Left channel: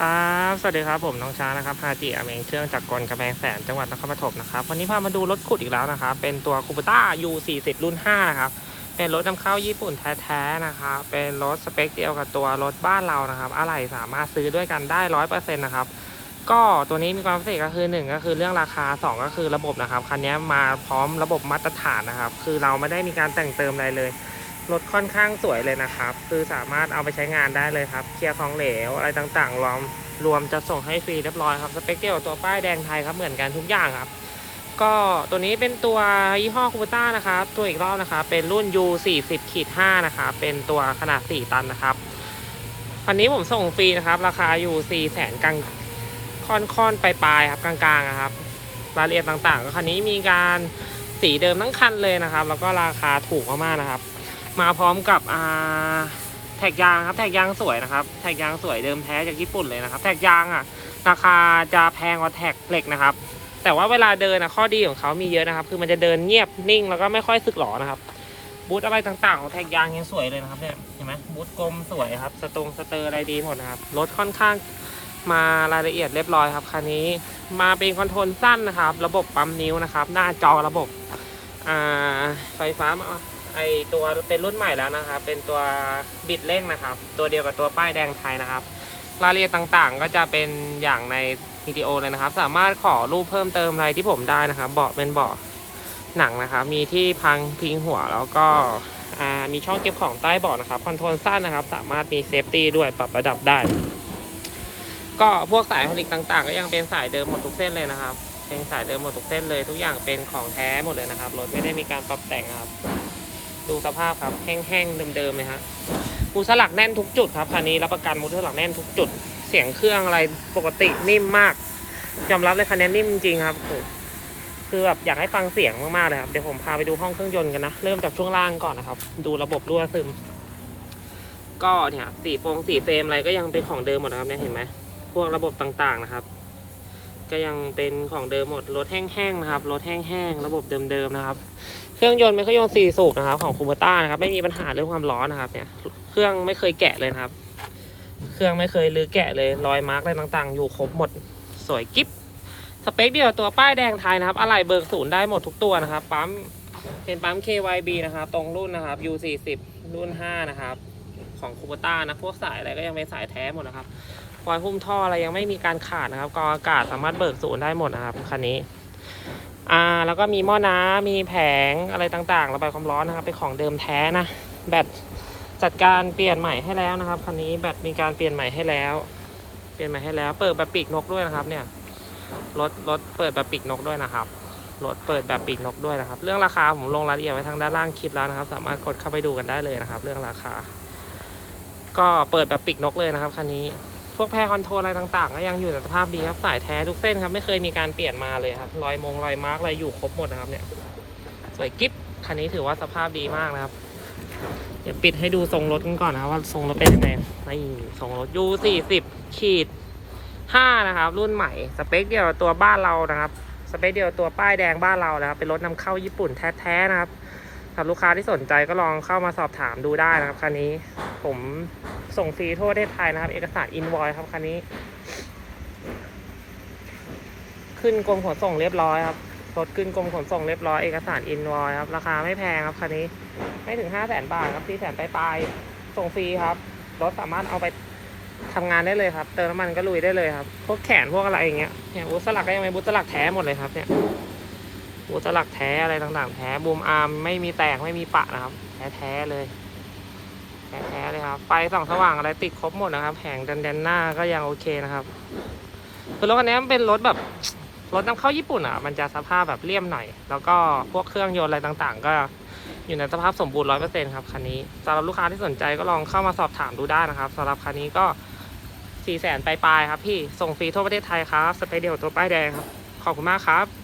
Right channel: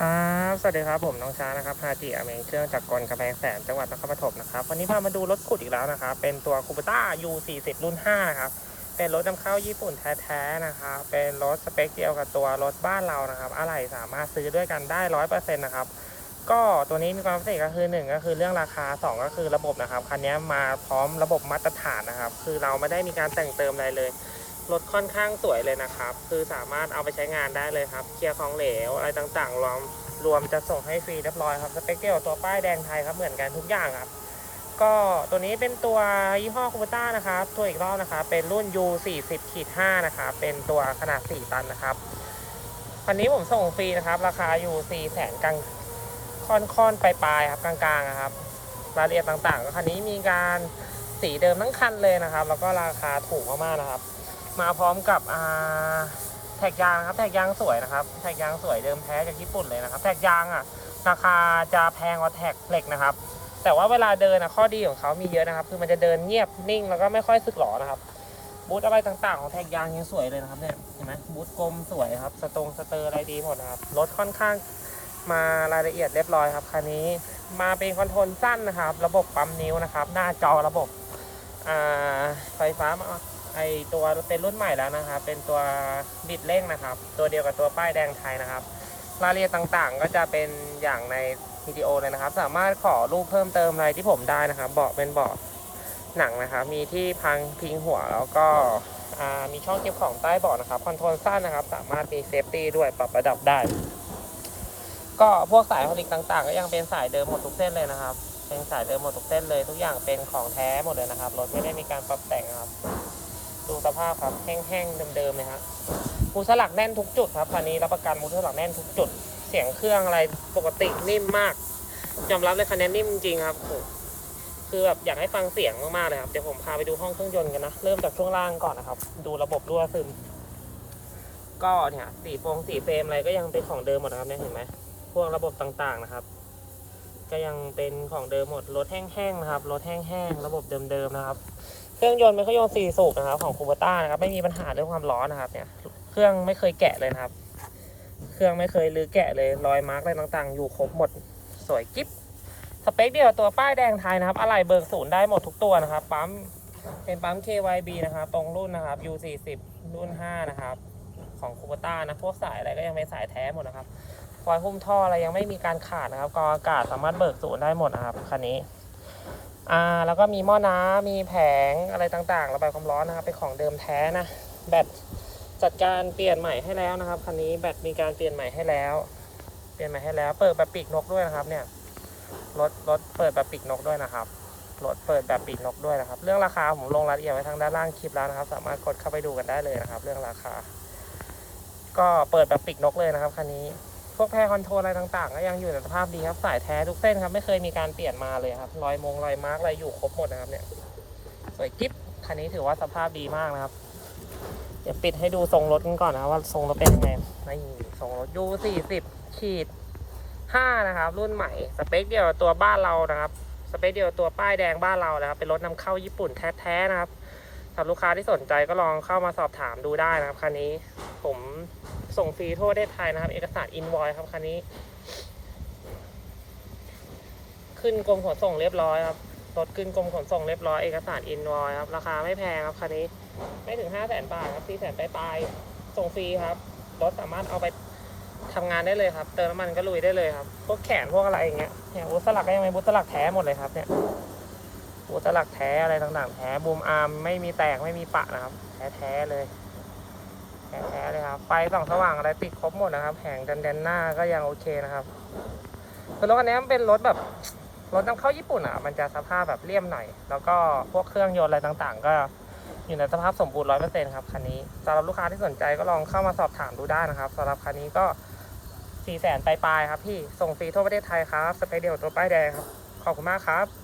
ครับสวัสดีครับผมน้องช้างนะครับฮาจิอเมงเครื่องจากกลกระแพงแสนจังหวัดนครปฐมนะครับวันนี้พามาดูรถขุดอีกแล้วนะครับเป็นตัวคูปต้า U40 รุ่น5นะครับเป็นรถนำเข้าญี่ปุ่นแท้ๆนะครับเป็นรถสเปคเดียวกับตัวรถบ้านเรานะครับอะไรสามารถซื้อด้วยกันได้ร้อยเปอร์เซ็นต์นะครับก็ตัวนี้มีความพิเศษก็คือ 1 ก็คือเรื่องราคา 2 ก็คือระบบนะครับคันนี้มาพร้อมระบบมาตรฐานนะครับคือเราไม่ได้มีการแต่งเติมอะไรเลย รถค่อนข้างสวยเลยนะครับ คือสามารถเอาไปใช้งานได้เลยครับ เคลียร์ของเหลวอะไรต่างๆรวมรวมจะส่งให้ฟรีเรียบร้อยครับสเปคเดียวกับตัวป้ายแดงไทยครับเหมือนกันทุกอย่างครับ ก็ตัวนี้เป็นตัวยี่ห้อคูปต้านะครับ ตัวอีกรอบนะครับเป็นรุ่น U 4 0ขีด5นะครับเป็นตัวขนาด 4 ตันนะครับคันนี้ผมส่งฟรีนะครับ ราคาอยู่ 4 แสนกลางค่อนๆปลายๆครับกลางๆนะครับรายละเอียดต่างๆก็คันนี้มีการสีเดิมทั้งคันเลยนะครับ แล้วก็ราคาถูกมากๆนะครับ มาพร้อมกับแท็กยางครับ แท็กยางสวยนะครับ แท็กยางสวยเดิมแท้จากญี่ปุ่นเลยนะครับ แท็กยางอะ ราคาจะแพงกว่าแท็กเหล็กนะครับ แต่ว่าเวลาเดินอะข้อดีของเขามีเยอะนะครับ คือมันจะเดินเงียบนิ่งแล้วก็ไม่ค่อยสึกหรอนะครับบูทอะไรต่างๆของแท็กยางยังสวยเลยนะครับเนี่ยเห็นไหมบูทกลมสวยครับสตรงสเตอร์อะไรดีหมดนะครับรถค่อนข้างมารายละเอียดเรียบร้อยครับคันนี้มาเป็นคอนโทรลสั้นนะครับ ระบบปั๊มนิ้วนะครับ หน้าจอระบบไฟฟ้ามา ไอตัวเป็นรุ่นใหม่แล้วนะครับ เป็นตัวบิดเร่งนะครับ ตัวเดียวกับตัวป้ายแดงไทยนะครับ รายละเอียดต่างๆ ก็จะเป็นอย่างในวิดีโอเลยนะครับ สามารถขอรูปเพิ่มเติมอะไรที่ผมได้นะครับ เบาะเป็นเบาะหนังนะครับ มีที่พังพิงหัวแล้วก็มีช่องเก็บของใต้เบาะนะครับ คอนโทรลสั้นนะครับ สามารถมีเซฟตี้ด้วยปรับระดับได้ ก็พวกสายผลิตต่างๆ ก็ยังเป็นสายเดิมหมดทุกเส้นเลยนะครับ เป็นสายเดิมหมดทุกเส้นเลย ทุกอย่างเป็นของแท้หมดเลยนะครับ รถไม่ได้มีการปรับแต่งครับ ดูสภาพครับแห้งๆเดิมๆเลยฮะมูสลักแน่นทุกจุดครับคันนี้รับประกันมูสลักแน่นทุกจุด เสียงเครื่องอะไรปกตินิ่มมากยอมรับเลยคันนี้นิ่มจริงครับโอ้โหคือแบบอยากให้ฟังเสียงมากๆเลยครับเดี๋ยวผมพาไปดูห้องเครื่องยนต์กันนะเริ่มจากช่วงล่างก่อนนะครับ ดูระบบรั่วซึม ก็เนี่ยสีโฟงสีเฟรมอะไรก็ยังเป็นของเดิมหมดนะครับเนี่ยเห็นไหมพวกระบบต่างๆนะครับ ก็ยังเป็นของเดิมหมดรถแห้งๆนะครับรถแห้งๆระบบเดิมๆนะครับ เครื่องยนต์เป็นเครื่องยนต์สี่สูบนะครับ ของคูเบต้านะครับ ไม่มีปัญหาเรื่องความร้อนนะครับ เนี่ย เครื่องไม่เคยแกะเลยครับ เครื่องไม่เคยลือแกะเลยรอยมาร์กอะไรต่างๆ อยู่ครบหมดสวยกิ๊บสเปคเดียวตัวป้ายแดงไทยนะครับอะไรเบิกศูนย์ได้หมดทุกตัวนะครับปั๊มเป็นปั๊ม KYB นะครับ ตรงรุ่นนะครับ U40 รุ่น 5 นะครับ ของคูเบต้านะพวกสายอะไรก็ยังเป็นสายแท้หมดนะครับฟอยหุ้มท่ออะไรยังไม่มีการขาดนะครับกองอากาศสามารถเบิกศูนย์ได้หมดนะครับคันนี้อ่าแล้วก็มีหม้อน้ำมีแผงอะไรต่างๆระบายความร้อนนะครับเป็นของเดิมแท้นะแบตจัดการเปลี่ยนใหม่ให้แล้วนะครับคันนี้แบตมีการเปลี่ยนใหม่ให้แล้ว เปลี่ยนใหม่ให้แล้ว เปิดแบบปีกนกด้วยนะครับ เนี่ยรถรถเปิดแบบปีกนกด้วยนะครับรถเปิดแบบปีกนกด้วยนะครับ เรื่องราคาผมลงรายละเอียดไว้ทางด้านล่างคลิปแล้วนะครับ สามารถกดเข้าไปดูกันได้เลยนะครับ เรื่องราคา ก็เปิดแบบปีกนกเลยนะครับคันนี้ พวกแพรคอนโทรลอะไรต่างๆ ก็ยังอยู่ในสภาพดีครับสายแท้ทุกเส้นครับไม่เคยมีการเปลี่ยนมาเลยครับรอยมงรอยมาร์กอะไรอยู่ครบหมดนะครับเนี่ยสวยกิ๊บคันนี้ถือว่าสภาพดีมากนะครับเดี๋ยวปิดให้ดูทรงรถกันก่อนนะว่าทรงรถเป็นยังไงนี่ทรงรถยูสี่สิบขีดห้านะครับ รุ่นใหม่ สเปคเดียวตัวบ้านเรานะครับ สเปคเดียวตัวป้ายแดงบ้านเรานะครับ เป็นรถนำเข้าญี่ปุ่นแท้ๆนะครับสำหรับลูกค้าที่สนใจก็ลองเข้ามาสอบถามดูได้นะครับคันนี้ ผมส่งฟรีทั่วประเทศไทยนะครับ เอกสารอินวอยครับคันนี้ ขึ้นกรมขนส่งเรียบร้อยครับรถขึ้นกรมขนส่งเรียบร้อยเอกสารอินวอยครับ ราคาไม่แพงครับคันนี้ ไม่ถึงห้าแสนบาทครับสี่แสนปลายๆส่งฟรีครับรถสามารถเอาไปทำงานได้เลยครับ เติมน้ำมันก็ลุยได้เลยครับ พวกแขนพวกอะไรอย่างเงี้ยเนี่ยบูสลักก็ยังเป็นบูทสลักแท้หมดเลยครับเนี่ยบูทสลักแท้อะไรต่างๆ แท้บูมอาร์มไม่มีแตกไม่มีปะนะครับ แท้ๆเลย แท้ๆเลยครับ ไฟส่องสว่างอะไรติดครบหมดนะครับแผงดันแดนหน้าก็ยังโอเคนะครับคือรถคันนี้มันเป็นรถแบบรถนำเข้าญี่ปุ่นอะ มันจะสภาพแบบเลี่ยมหน่อย แล้วก็พวกเครื่องยนต์อะไรต่างๆ ก็อยู่ในสภาพสมบูรณ์ร้อยเปอร์เซ็นต์ครับคันนี้สำหรับลูกค้าที่สนใจก็ลองเข้ามาสอบถามดูได้นะครับสำหรับคันนี้ก็สี่แสนปลายๆครับพี่ ส่งฟรีทั่วประเทศไทยครับ สเปเดียวตัวป้ายแดงครับ ขอบคุณมากครับ